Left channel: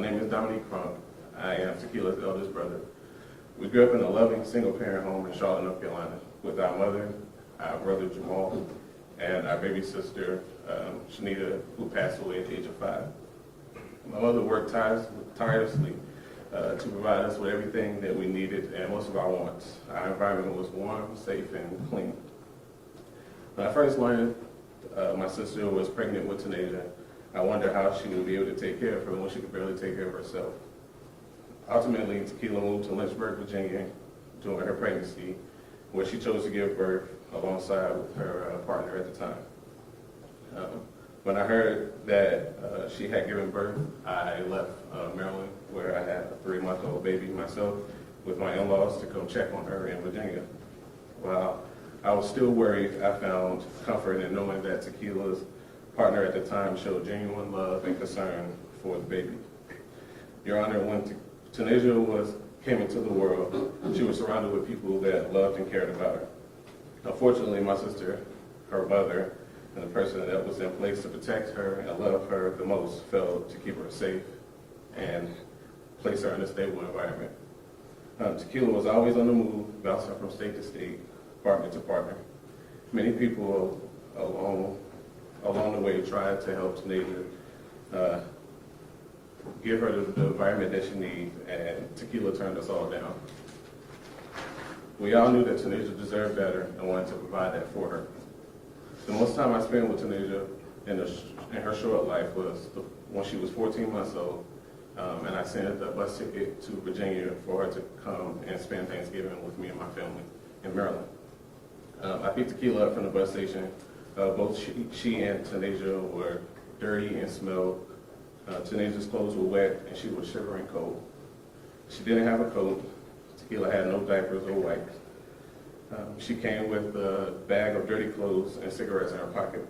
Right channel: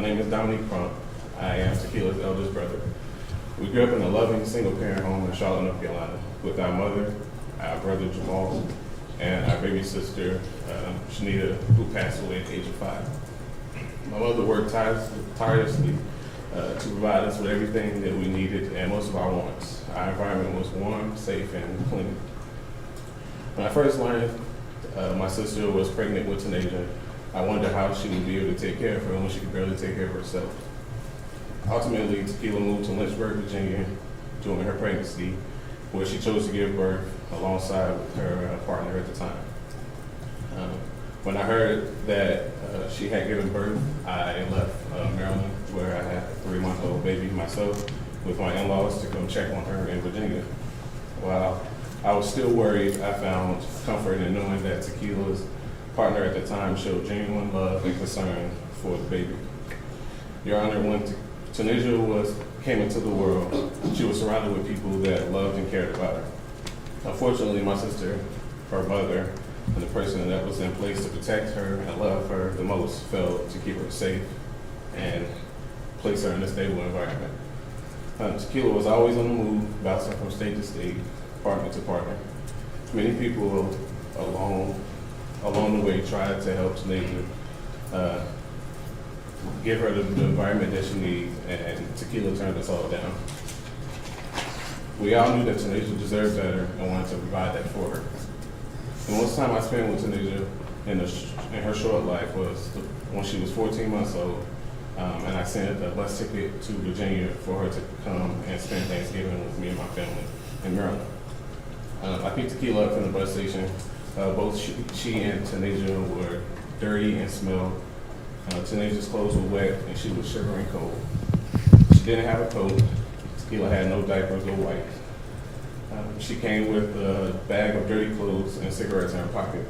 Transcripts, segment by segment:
My name is Dominique Crump. I am Tequila's eldest brother. We grew up in a loving single-parent home in Charlotte, North Carolina, with our mother, our brother Jamal, and our baby sister, Shanita, who passed away at the age of 5. My mother worked tirelessly to provide us with everything that we needed and most of our wants. Our environment was warm, safe, and clean. When I first learned my sister was pregnant with Tanasia, I wondered how she would be able to take care of her when she could barely take care of herself. Ultimately, Tequila moved to Lynchburg, Virginia during her pregnancy, where she chose to give birth alongside with her partner at the time. When I heard that she had given birth, I left Maryland, where I had a 3-month-old baby myself, with my in-laws to come check on her in Virginia. While I was still worried, I found comfort in knowing that Tequila's partner at the time showed genuine love and concern for the baby. Your Honor, when Tanasia came into the world, she was surrounded with people that loved and cared about her. Unfortunately, my sister, her mother, and the person that was in place to protect her and love her the most failed to keep her safe and place her in a stable environment. Tequila was always on the move, bouncing from state to state, partner to partner. Many people along the way tried to help Tanasia give her the environment that she needs, and Tequila turned us all down. We all knew that Tanasia deserved better and wanted to provide that for her. The most time I spent with Tanasia in her short life was when she was 14 months old, and I sent a bus ticket to Virginia for her to come and spend Thanksgiving with me and my family in Maryland. I picked Tequila up from the bus station. Both she and Tanasia were dirty and smelled. Tanasia's clothes were wet and she was shivering cold. She didn't have a coat. Tequila had no diapers or wipes. She came with a bag of dirty clothes and cigarettes in her pocket.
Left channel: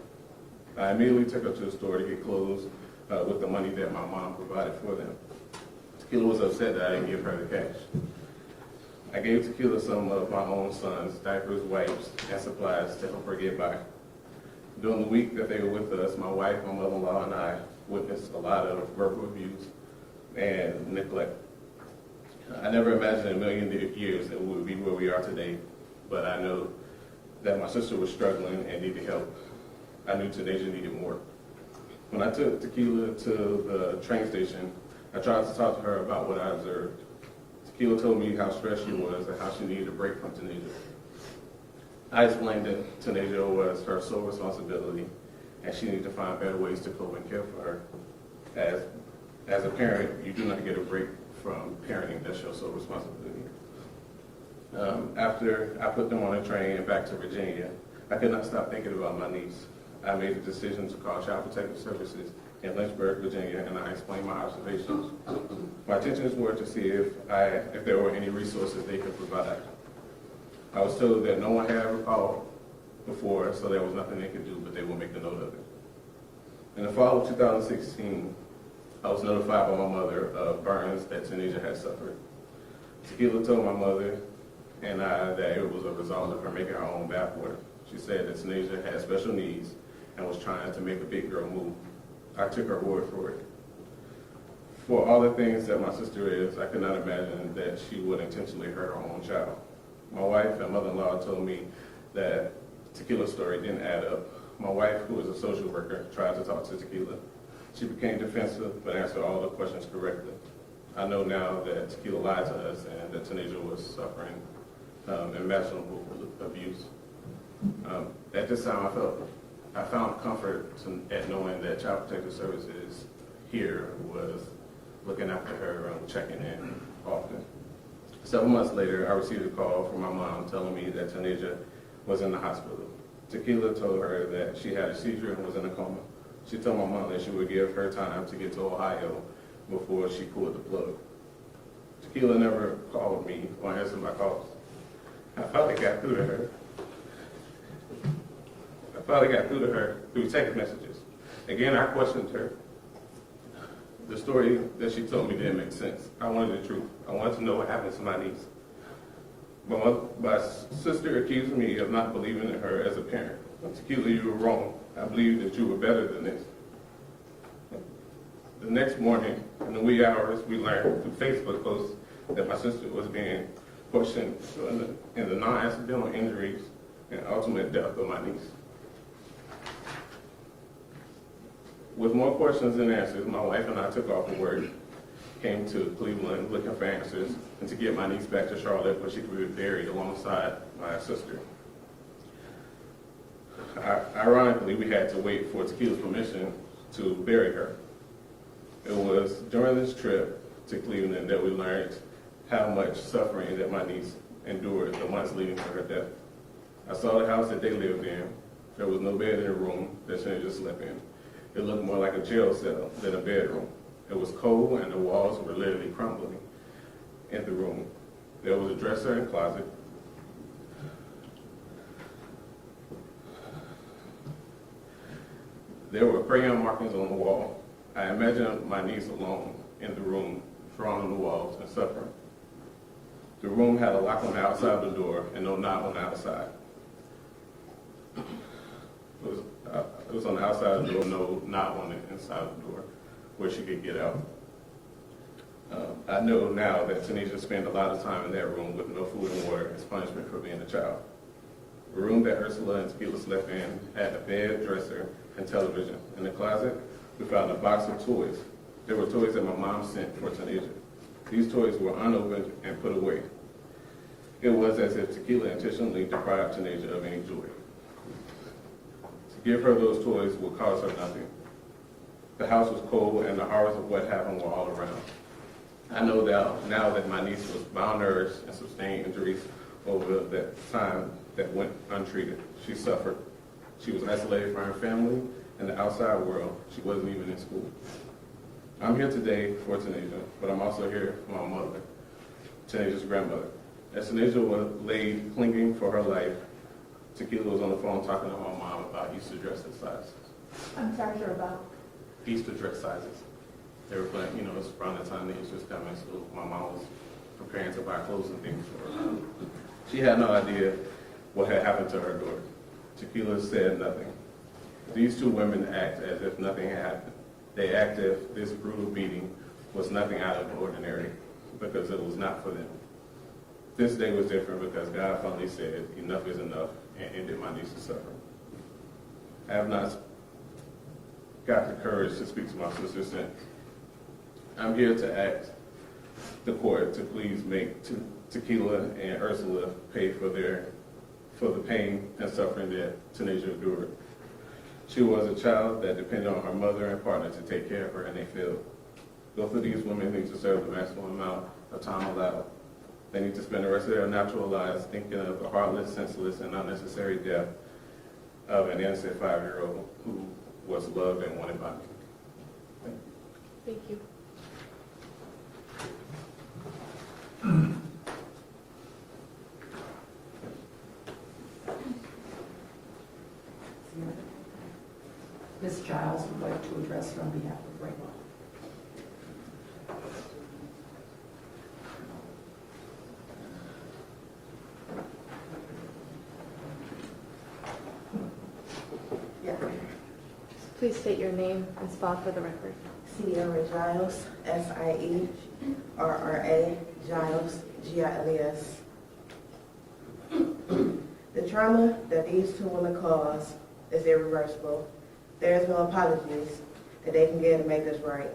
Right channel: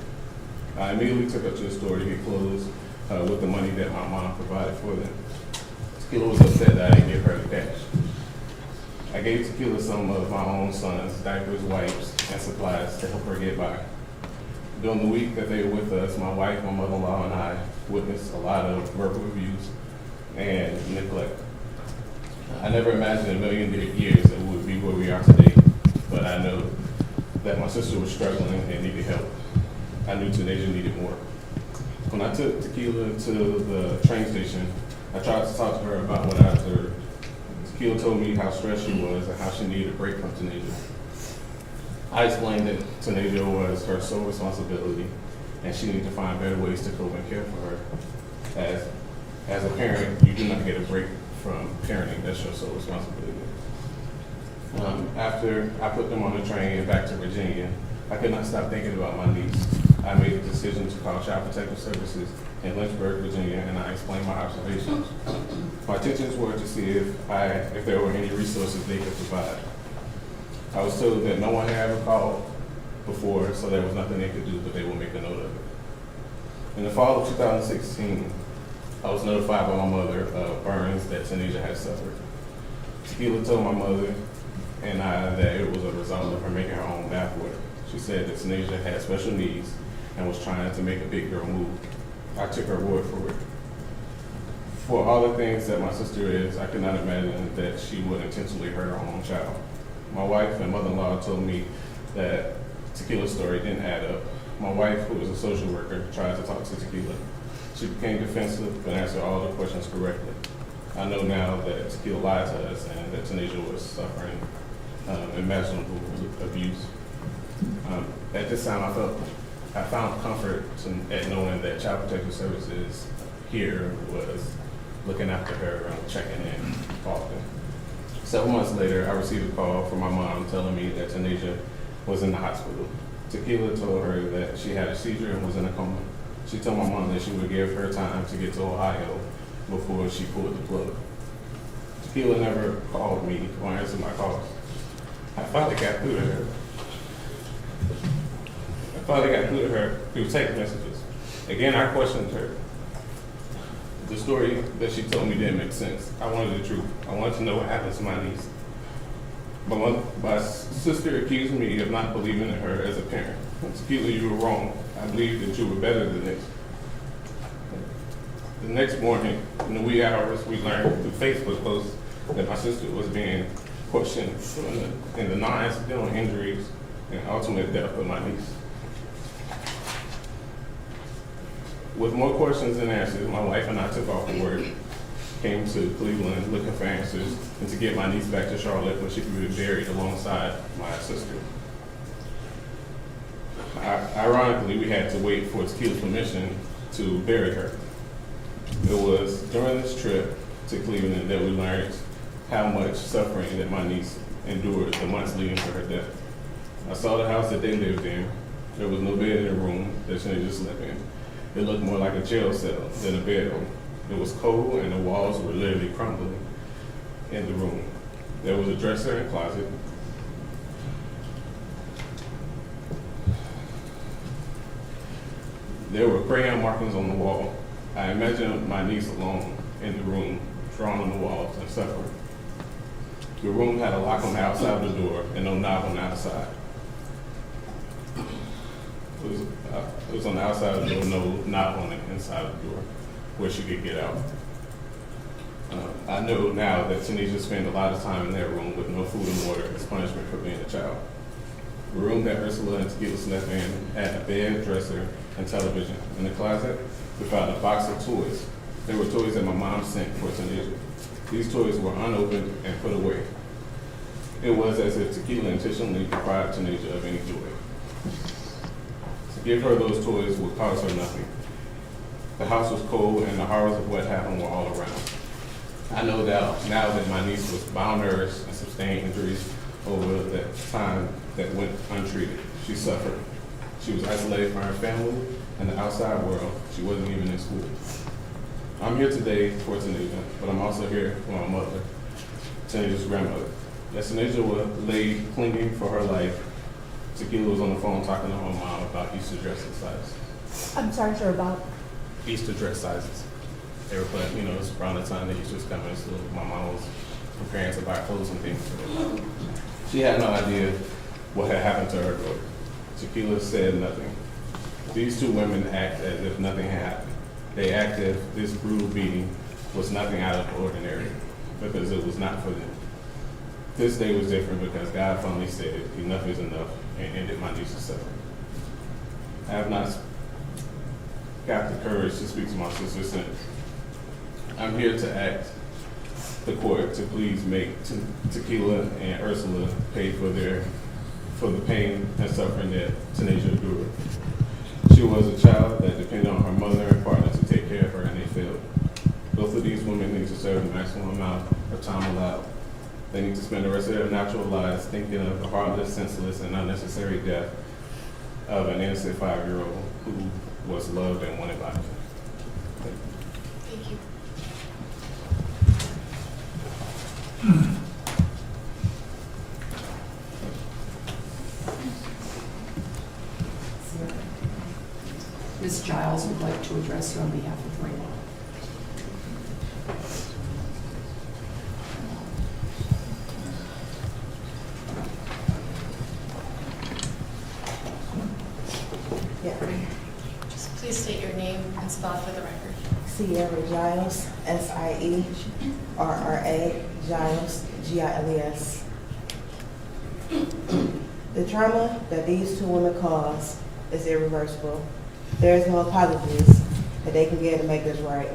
I immediately took her to the store to get clothes with the money that my mom provided for them. Tequila was upset that I didn't give her the cash. I gave Tequila some of my own son's diapers, wipes, and supplies to help her get by. During the week that they were with us, my wife, my mother-in-law, and I witnessed a lot of verbal abuse and neglect. I never imagined in a million years that we would be where we are today, but I know that my sister was struggling and needed help. I knew Tanasia needed more. When I took Tequila to the train station, I tried to talk to her about what I observed. Tequila told me how stressed she was and how she needed a break from Tanasia. I explained that Tanasia was her sole responsibility and she needed to find better ways to cope and care for her. As a parent, you do not get a break from parenting. That's your sole responsibility. After I put them on a train and back to Virginia, I could not stop thinking about my niece. I made the decision to call Child Protective Services in Lynchburg, Virginia, and I explained my observations. My intentions were to see if there were any resources they could provide. I was told that no one had ever called before, so there was nothing they could do, but they will make a note of it. In the fall of 2016, I was notified by my mother of burns that Tanasia had suffered. Tequila told my mother and I that it was a result of her making her own bath water. She said that Tanasia had special needs and was trying to make a big girl move. I took her word for it. For all the things that my sister is, I could not imagine that she would intentionally hurt her own child. My wife and mother-in-law told me that Tequila's story didn't add up. My wife, who was a social worker, tried to talk to Tequila. She became defensive but answered all the questions correctly. I know now that Tequila lied to us and that Tanasia was suffering imaginable abuse. At this time, I found comfort at knowing that Child Protective Services here was looking after her and checking in often. Several months later, I received a call from my mom telling me that Tanasia was in the hospital. Tequila told her that she had a seizure and was in a coma. She told my mom that she would give her time to get to Ohio before she pulled the plug. Tequila never called me or answered my calls. I finally got through to her. Through text messages. Again, I questioned her. The story that she told me didn't make sense. I wanted the truth. I wanted to know what happened to my niece. But my sister accused me of not believing in her as a parent. Tequila, you were wrong. I believe that you were better than this. The next morning, in the wee hours, we learned through Facebook posts that my sister was being questioned in the non-accidental injuries and ultimate death of my niece. With more questions than answers, my wife and I took off for work, came to Cleveland looking for answers, and to get my niece back to Charlotte where she could be buried alongside my sister. Ironically, we had to wait for Tequila's permission to bury her. It was during this trip to Cleveland that we learned how much suffering that my niece endured the months leading to her death. I saw the house that they lived in. There was no bed in the room that she just slept in. It looked more like a jail cell than a bedroom. It was cold and the walls were literally crumbling in the room. There was a dresser and closet. There were crayon markings on the wall. I imagined my niece alone in the room, drawn on the walls and suffering. The room had a lock on the outside of the door and no knob on the outside. It was on the outside of the door, no knob on the inside of the door where she could get out. I know now that Tanisha spent a lot of time in that room with no food and water as punishment for being a child. The room that Ursula and Tequila slept in had a bed, dresser, and television. In the closet, we found a box of toys. They were toys that my mom sent for Tanisha. These toys were unopened and put away. It was as if Tequila intentionally deprived Tanisha of any joy. To give her those toys would cost her nothing. The house was cold and the horrors of what happened were all around. I know that now that my niece was malnourished and sustained injuries over the time that went untreated. She suffered. She was isolated from her family and the outside world. She wasn't even in school. I'm here today for Tanisha, but I'm also here for my mother, Tanisha's grandmother. As Tanisha was laid clinging for her life, Tequila was on the phone talking to her mom about Easter dress sizes. I'm sorry, sir, about? Easter dress sizes. They were putting, it's around the time that Easter was coming, so my mom was preparing to buy clothes and things. She had no idea what had happened to her daughter. Tequila said nothing. These two women act as if nothing had happened. They act as if this brutal beating was nothing out of the ordinary, because it was not for them. This day was different because God finally said enough is enough and ended my niece's suffering. I have not got the courage to speak to my sister since. I'm here to ask the court to please make Tequila and Ursula pay for the pain and suffering that Tanisha endured. She was a child that depended on her mother and partner to take care of her, and they failed. Both of these women need to serve the maximum amount of time allowed. They need to spend the rest of their natural lives thinking of the heartless, senseless, and unnecessary death of an innocent 5-year-old who was loved and wanted by them. Thank you. Ms. Giles would like to address you on behalf of Raymond. Yeah. Just please state your name and spell for the record. Sierra Giles, Sierra Giles, Giles. The trauma that these two women cause is irreversible. There is no apologies that they can give to make this right.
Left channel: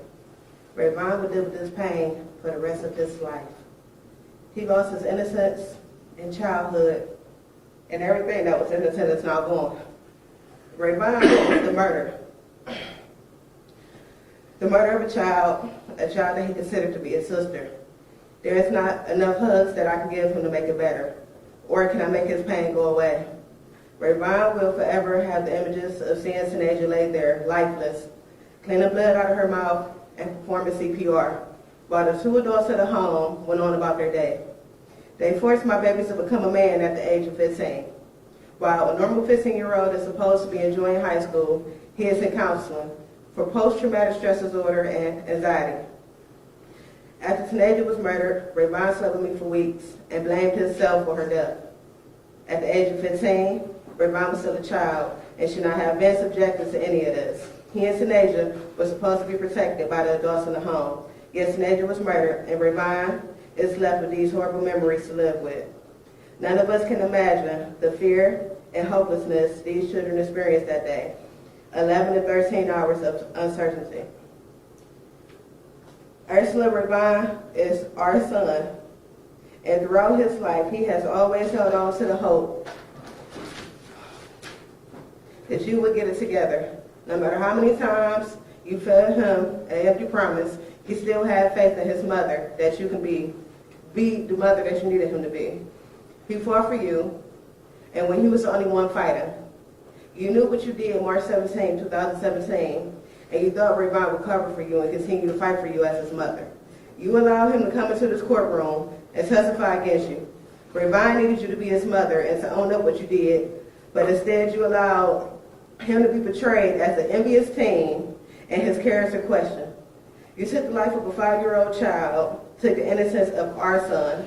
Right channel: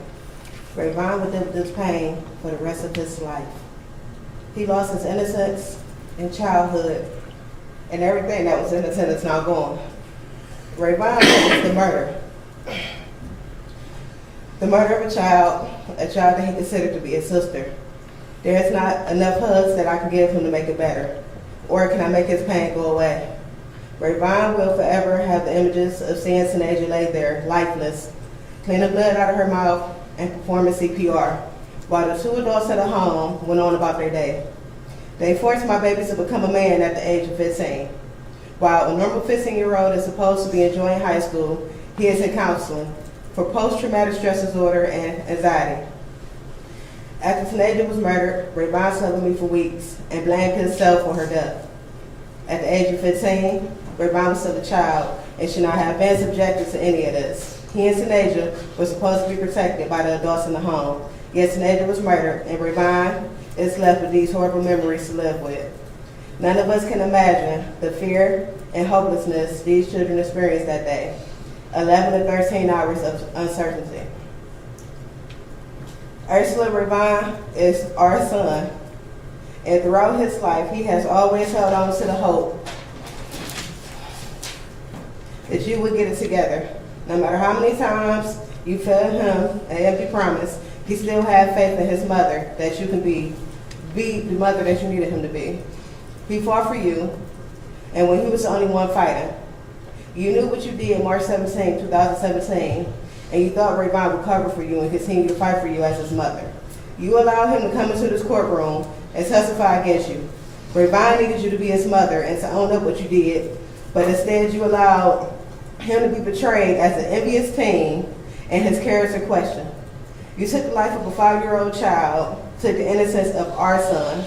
Rayvon will deal with this pain for the rest of his life. He lost his innocence in childhood, and everything that was innocent is now gone. Rayvon witnessed the murder. The murder of a child that he considered to be his sister. There is not enough hugs that I can give him to make it better, or can I make his pain go away. Rayvon will forever have the images of seeing Tanisha lay there, lifeless, cleaning blood out of her mouth and performing CPR, while the two adults at the home went on about their day. They forced my baby to become a man at the age of 15. While a normal 15-year-old is supposed to be enjoying high school, he is in counseling for post-traumatic stress disorder and anxiety. After Tanisha was murdered, Rayvon slept with me for weeks and blamed himself for her death. At the age of 15, Rayvon was still a child and should not have been subjected to any of this. He and Sanasia were supposed to be protected by the adults in the home. Yet Sanasia was murdered, and Rayvon is left with these horrible memories to live with. None of us can imagine the fear and hopelessness these children experienced that day. 11 to 13 hours of uncertainty. Ursula Rayvon is our son, and throughout his life, he has always held on to the hope that you would get it together. No matter how many times you failed him an empty promise, he still had faith in his mother that you can be the mother that you needed him to be. He fought for you, and when he was the only one fighting, you knew what you did March 17, 2017, and you thought Rayvon would cover for you and continue to fight for you as his mother. You allowed him to come into this courtroom and testify against you. Rayvon needed you to be his mother and to own up what you did, but instead you allowed him to be portrayed as an envious teen and his character questioned. You took the life of a 5-year-old child, took the innocence of our son.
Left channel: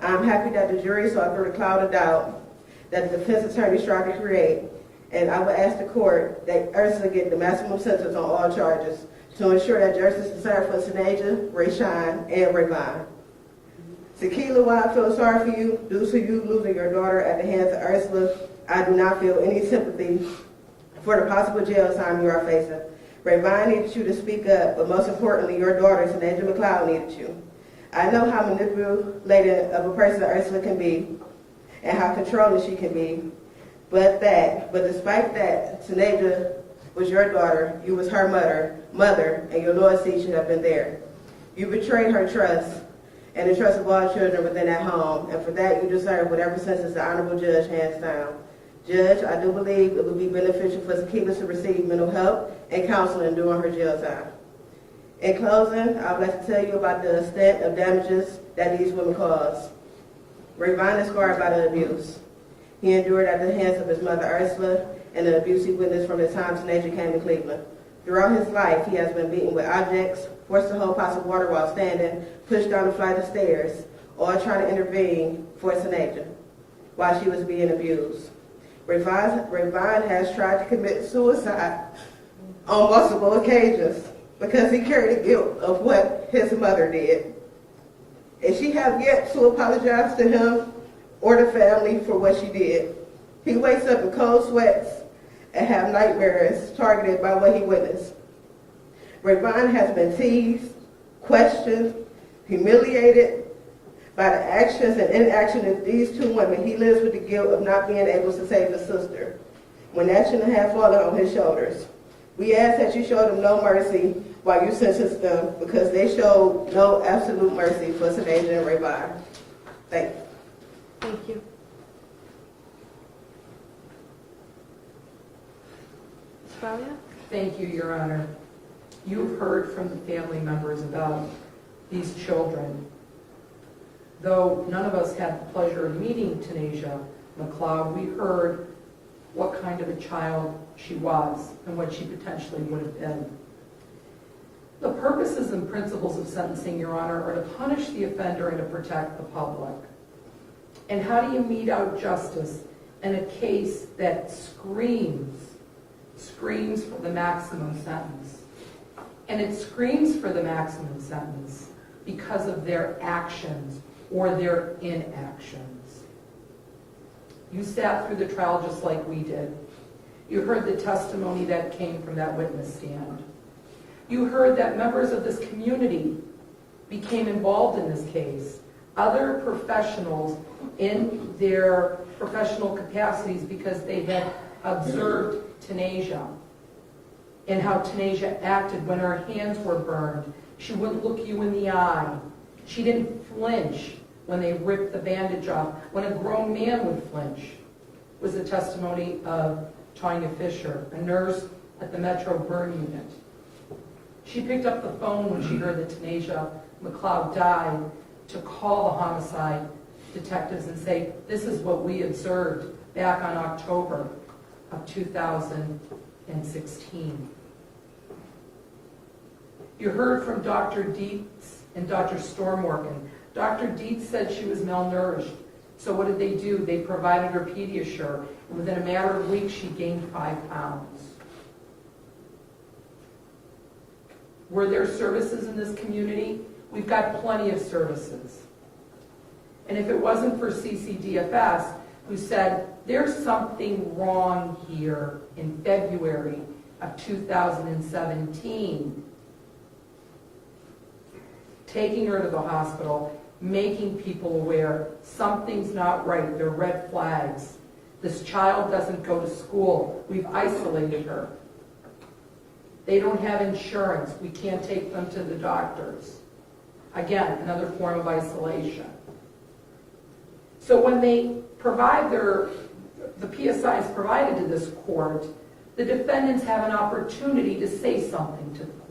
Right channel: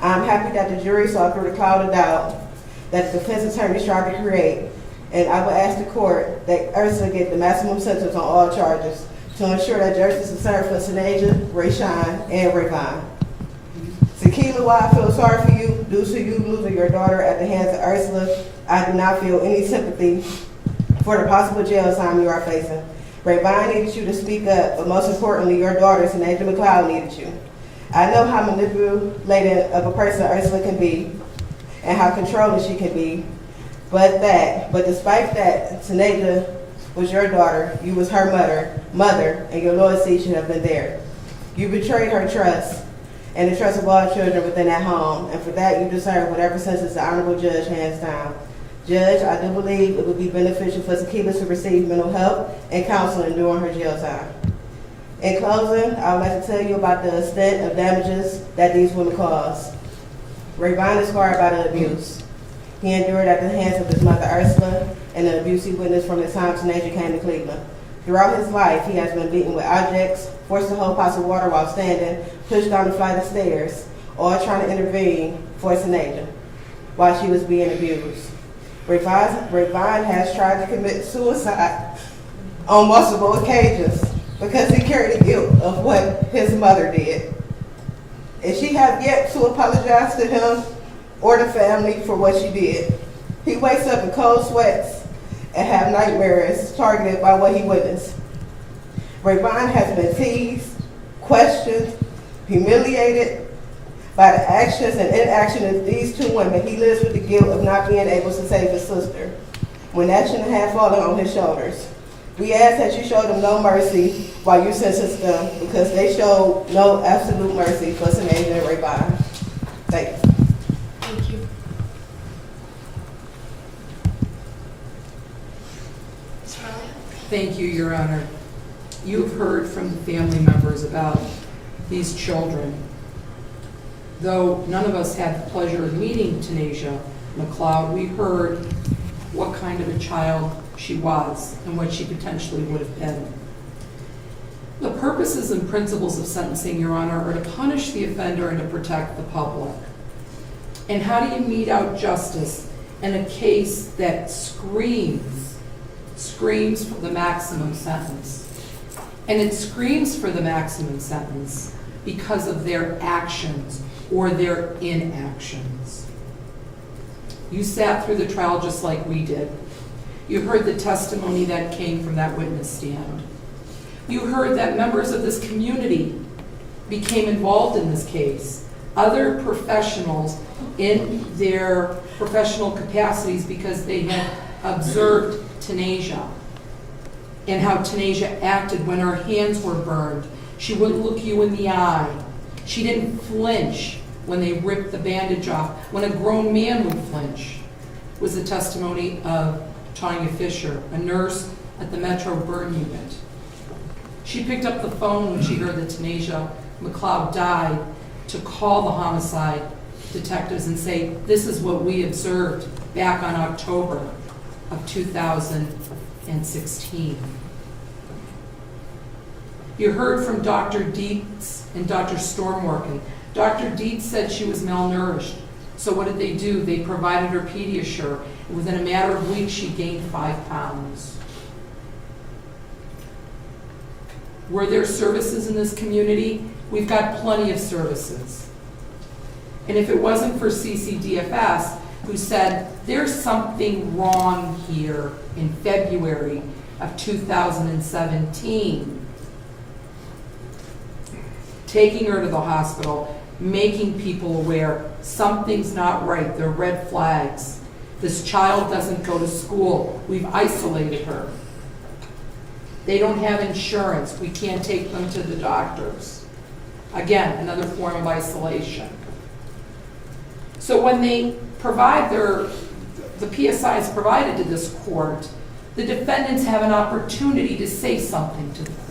I'm happy that the jury saw through the cloud of doubt that the defense attorneys tried to create, and I would ask the court that Ursula get the maximum sentence on all charges to ensure that justice is served for Sanasia, Rayshawn, and Rayvon. Tequila, while I feel sorry for you due to you losing your daughter at the hands of Ursula, I do not feel any sympathy for the possible jail time you are facing. Rayvon needed you to speak up, but most importantly, your daughter, Sanasia McLeod, needed you. I know how manipulative of a person Ursula can be and how controlling she can be, but despite that, Sanasia was your daughter, you was her mother, and your loyalty should have been there. You betrayed her trust and the trust of all children within that home, and for that you deserve whatever sentence the honorable judge hands down. Judge, I do believe it would be beneficial for Tequila to receive mental health and counseling during her jail time. In closing, I would like to tell you about the extent of damages that these women caused. Rayvon is scarred by the abuse he endured at the hands of his mother Ursula and the abuse he witnessed from the time Sanasia came to Cleveland. Throughout his life, he has been beaten with objects, forced to hold pots of water while standing, pushed down the flight of stairs, all trying to intervene for Sanasia while she was being abused. Rayvon has tried to commit suicide on multiple occasions because he carried the guilt of what his mother did. And she has yet to apologize to him or the family for what she did. He wakes up in cold sweats and have nightmares targeted by what he witnessed. Rayvon has been teased, questioned, humiliated by the actions and inaction of these two women. He lives with the guilt of not being able to save his sister when action had fallen on his shoulders. We ask that you show them no mercy while you sentence them because they showed no absolute mercy for Sanasia and Rayvon. Thank you. Thank you. Ms. Frawley? Thank you, Your Honor. You've heard from family members about these children. Though none of us had the pleasure of meeting Tanasia McLeod, we heard what kind of a child she was and what she potentially would have been. The purposes and principles of sentencing, Your Honor, are to punish the offender and to protect the public. And how do you mete out justice in a case that screams for the maximum sentence? And it screams for the maximum sentence because of their actions or their inactions. You sat through the trial just like we did. You heard the testimony that came from that witness stand. You heard that members of this community became involved in this case, other professionals in their professional capacities because they had observed Tanasia and how Tanasia acted when her hands were burned. She wouldn't look you in the eye. She didn't flinch when they ripped the bandage off. When a grown man would flinch was the testimony of Tanya Fisher, a nurse at the Metro Burn Unit. She picked up the phone when she heard that Tanasia McLeod died to call the homicide detectives and say, this is what we observed back on October of 2016. You heard from Dr. Dietz and Dr. Stormworken. Dr. Dietz said she was malnourished. So what did they do? They provided her Pediasure. Within a matter of weeks, she gained 5 pounds. Were there services in this community? We've got plenty of services. And if it wasn't for CCDFS, who said, there's something wrong here in February of 2017, taking her to the hospital, making people aware, something's not right, there are red flags. This child doesn't go to school, we've isolated her. They don't have insurance, we can't take them to the doctors. Again, another form of isolation. So when they provide the PSI is provided to this court, the defendants have an opportunity to say something to the court.